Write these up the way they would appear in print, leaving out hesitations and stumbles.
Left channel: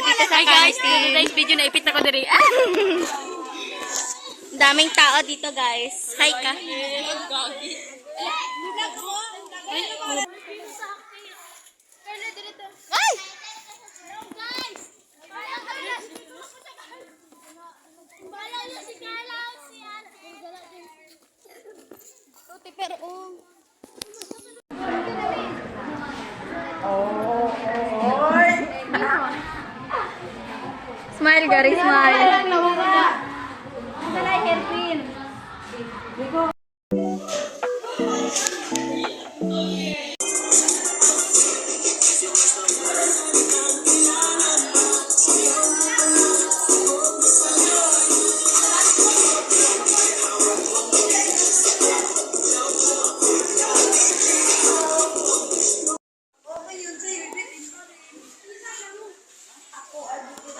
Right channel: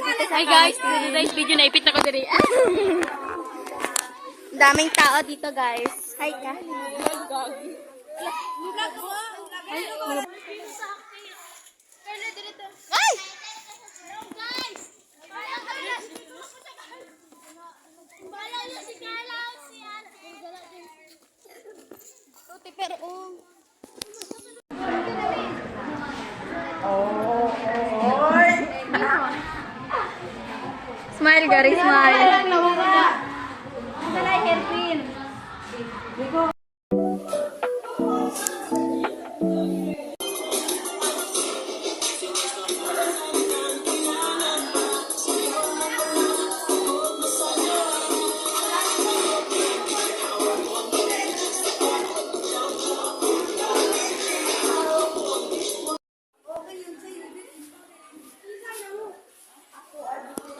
dito sa canteen. Guys, video na ipit na ko diri. Daming tao dito, guys. Hi ka. Ay! Smile, Gary, smile.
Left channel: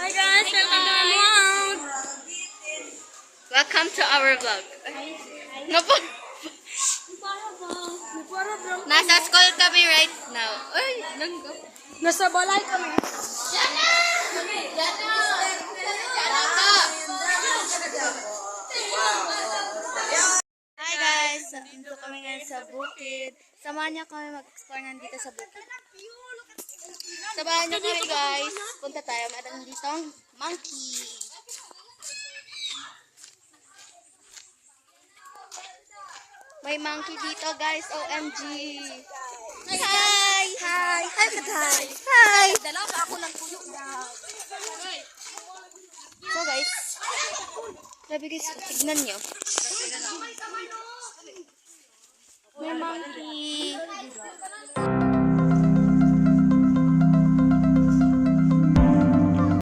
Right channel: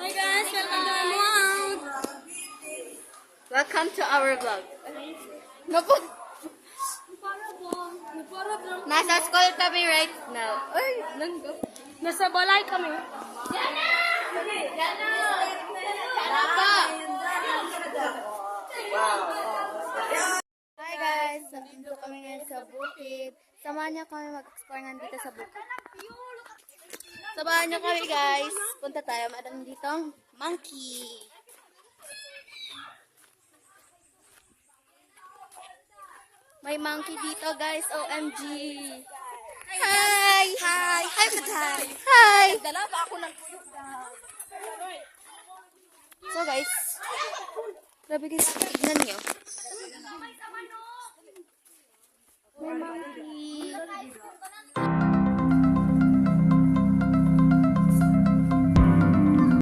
Hi guys, welcome to our vlog. Welcome to our vlog. Nasa school kami right now. Ay, nasa balay kami. Hi guys, dito kami ngayon sa bukid. Samahan niyo kami mag-explore nga dito sa bukid. Samahan niyo kami guys. Punta tayo, meron ditong monkey. May monkey dito guys, OMG. Hi! Hi! Hi, Maday! Hi! Dala pa ako ng tuyo. So guys, grabe guys, tignan nyo. May monkey.